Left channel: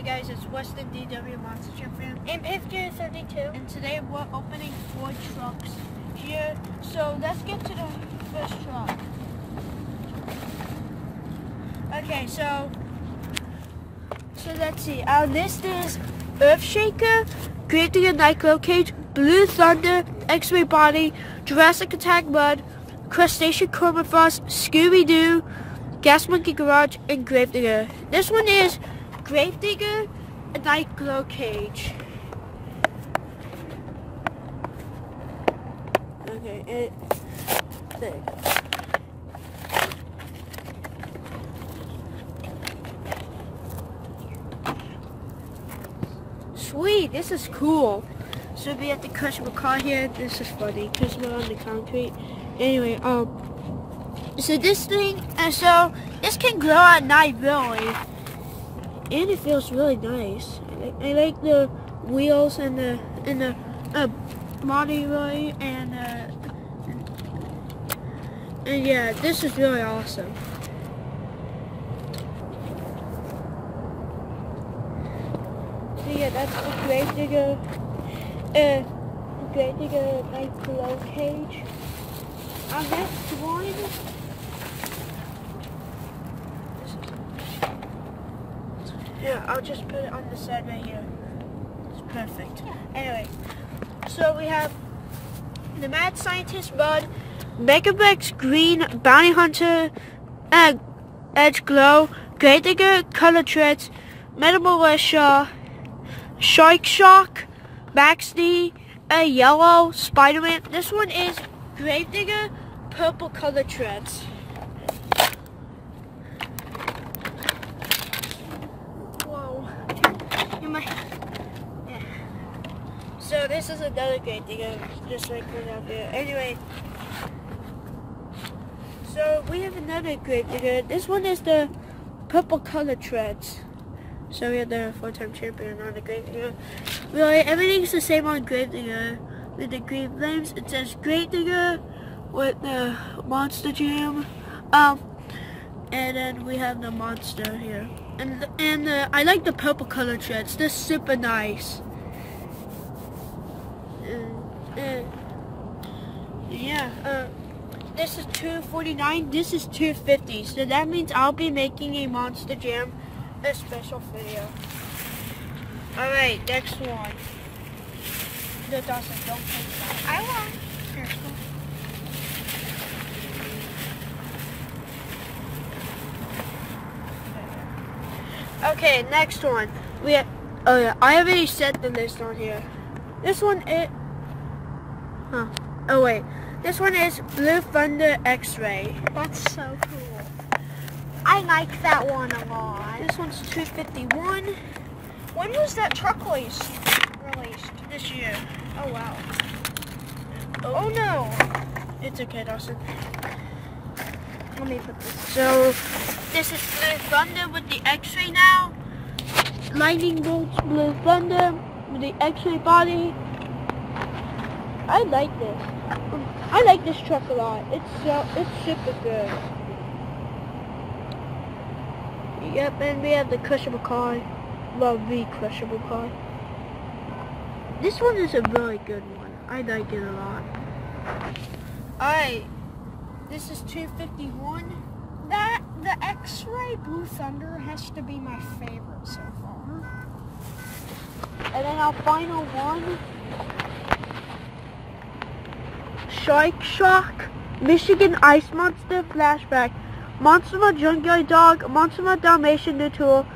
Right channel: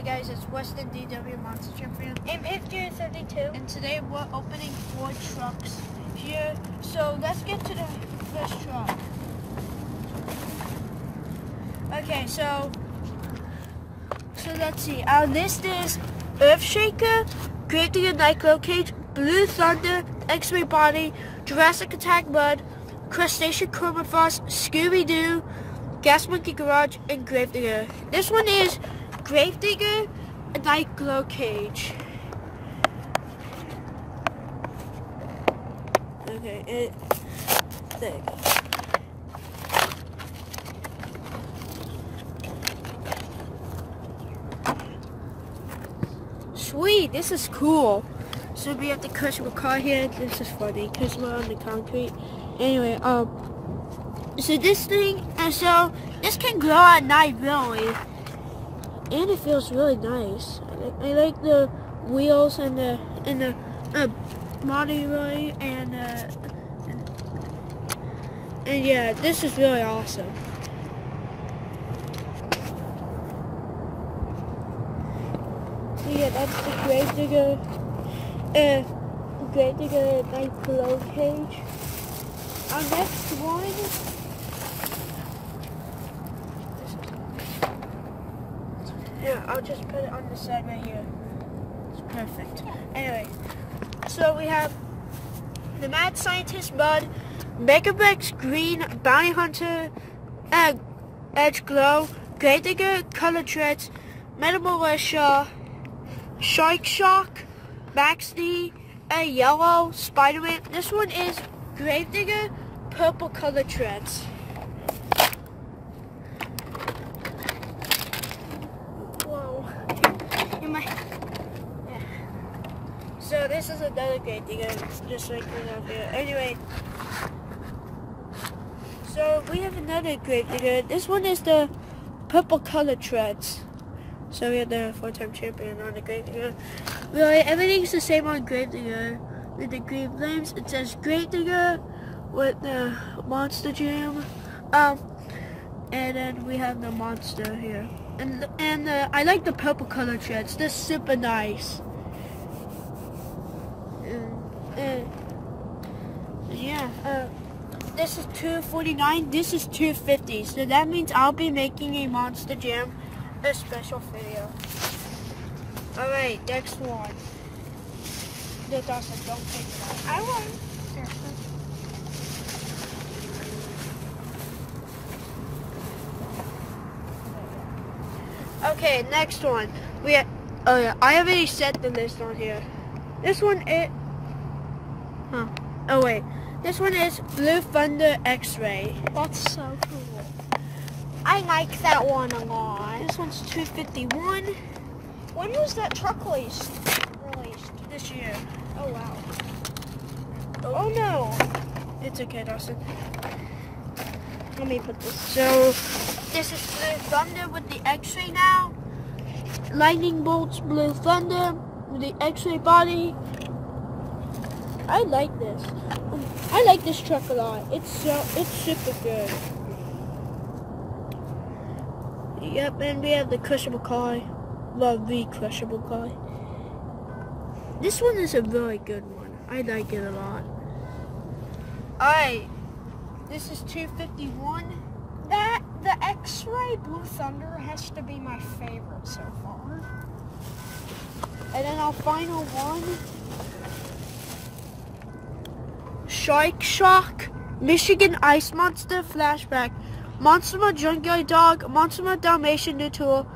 Hey guys, it's Weston DW Monster Champion. And Picture32. And today we're opening 4 trucks here. So let's get to the first truck. Okay, so let's see. Our list is Earthshaker, Grave-Digger Nightglow Cage, Blue Thunder, X-Ray Body, Jurassic Attack Mud, Crustacean Cormorfrost, Scooby-Doo, Gas Monkey Garage, and Grave-Digger. This one is Grave-Digger Nightglow Cage. Okay, there you go. Sweet, this is cool. So we have the crushable car here. This is funny because we're on the concrete. Anyway, so this thing, so this can grow at night really, and it feels really nice. I like the wheels and the body really, and yeah, this is really awesome. So yeah, that's the Grave-Digger Nightglow Cage. Our next one, yeah, I'll just put it on the side right here. It's perfect. Anyway, so we have the Mad Scientist Mud, Megavex Green, Bounty Hunter, Edge Glow, Grave-Digger Color Treads, Metamolitia, Shark Shock, Max D, a Yellow Spider-Man. This one is Grave-Digger Purple Color Treads. Whoa. Yeah. So this is another Grave-Digger, just like we have here. Anyway, so we have another Grave-Digger. This one is the Purple Color Treads. So we have the 4-time champion on the Grave-Digger. Really, everything's the same on Grave-Digger. With the green flames, it says Grave-Digger with the Monster Jam. And then we have the monster here. And I like the purple color treads. They're super nice. Yeah. This is $249. This is $250. So that means I'll be making a Monster Jam a special video. Alright, next one. No, Dawson, don't take that. I won't. Seriously. Okay, next one. We have, oh yeah, I already set the list on here. This one is, oh wait. This one is Blue Thunder X-Ray. That's so cool. I like that one a lot. This one's $251. When was that truck released? This year. Oh wow. Oh no. It's okay, Dawson. Let me put this. So this is Blue Thunder with the X-Ray now. Lightning Bolts Blue Thunder with the X-Ray body. I like this. I like this truck a lot. It's super good. Yep, and we have the crushable car. Well, the crushable car. This one is a really good one. I like it a lot. Alright, this is $251. The X-Ray Blue Thunder has to be my favorite so far. And then our final one, Shark Shock, Michigan Ice Monster Flashback, Monster Junkyard Dog, Monster Dalmatian New Tool,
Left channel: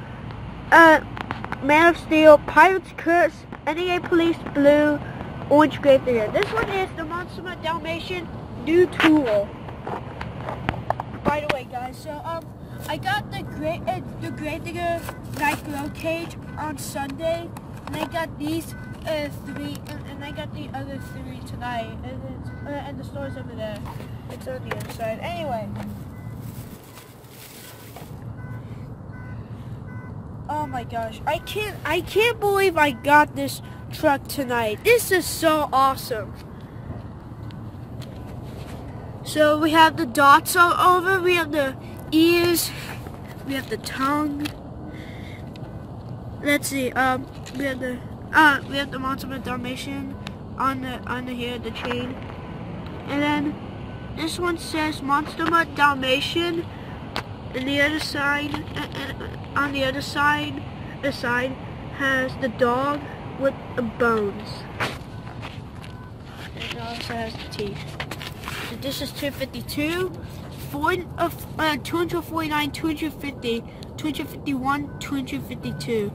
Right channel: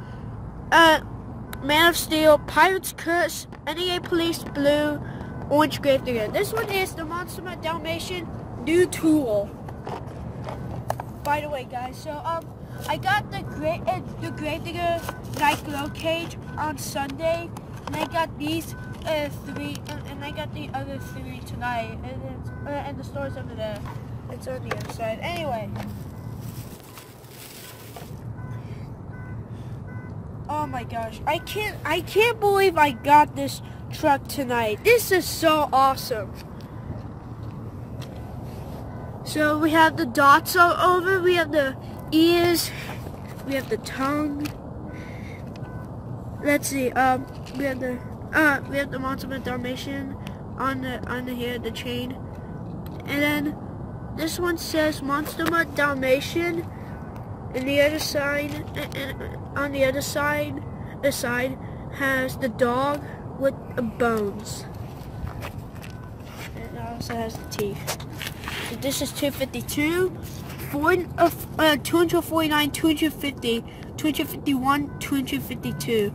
Man of Steel, Pirate's Curse, NEA Police Blue, Orange Grave-Digger. This one is the Monster Dalmatian New Tool. By the way, guys, so I got the Grave-Digger Nightglow Cage on Sunday, and I got these 3, and I got the other 3 tonight, and the store's over there. It's on the inside. Anyway. Oh my gosh, I can't believe I got this truck tonight. This is so awesome. So we have the dots all over, we have the ears, we have the tongue, let's see. We have the Montuma Dalmatian on the here the train, and then this one says Montuma Dalmatian, and the other side, on the other side, the side has the dog with the bones. It also has the teeth. So this is 252, 249, 250, 251, 252.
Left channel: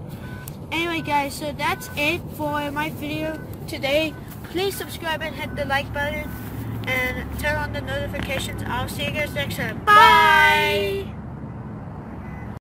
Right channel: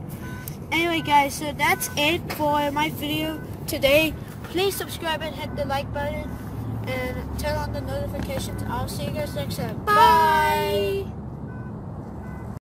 Anyway guys, so that's it for my video today. Please subscribe and hit the like button and turn on the notifications. I'll see you guys next time. Bye!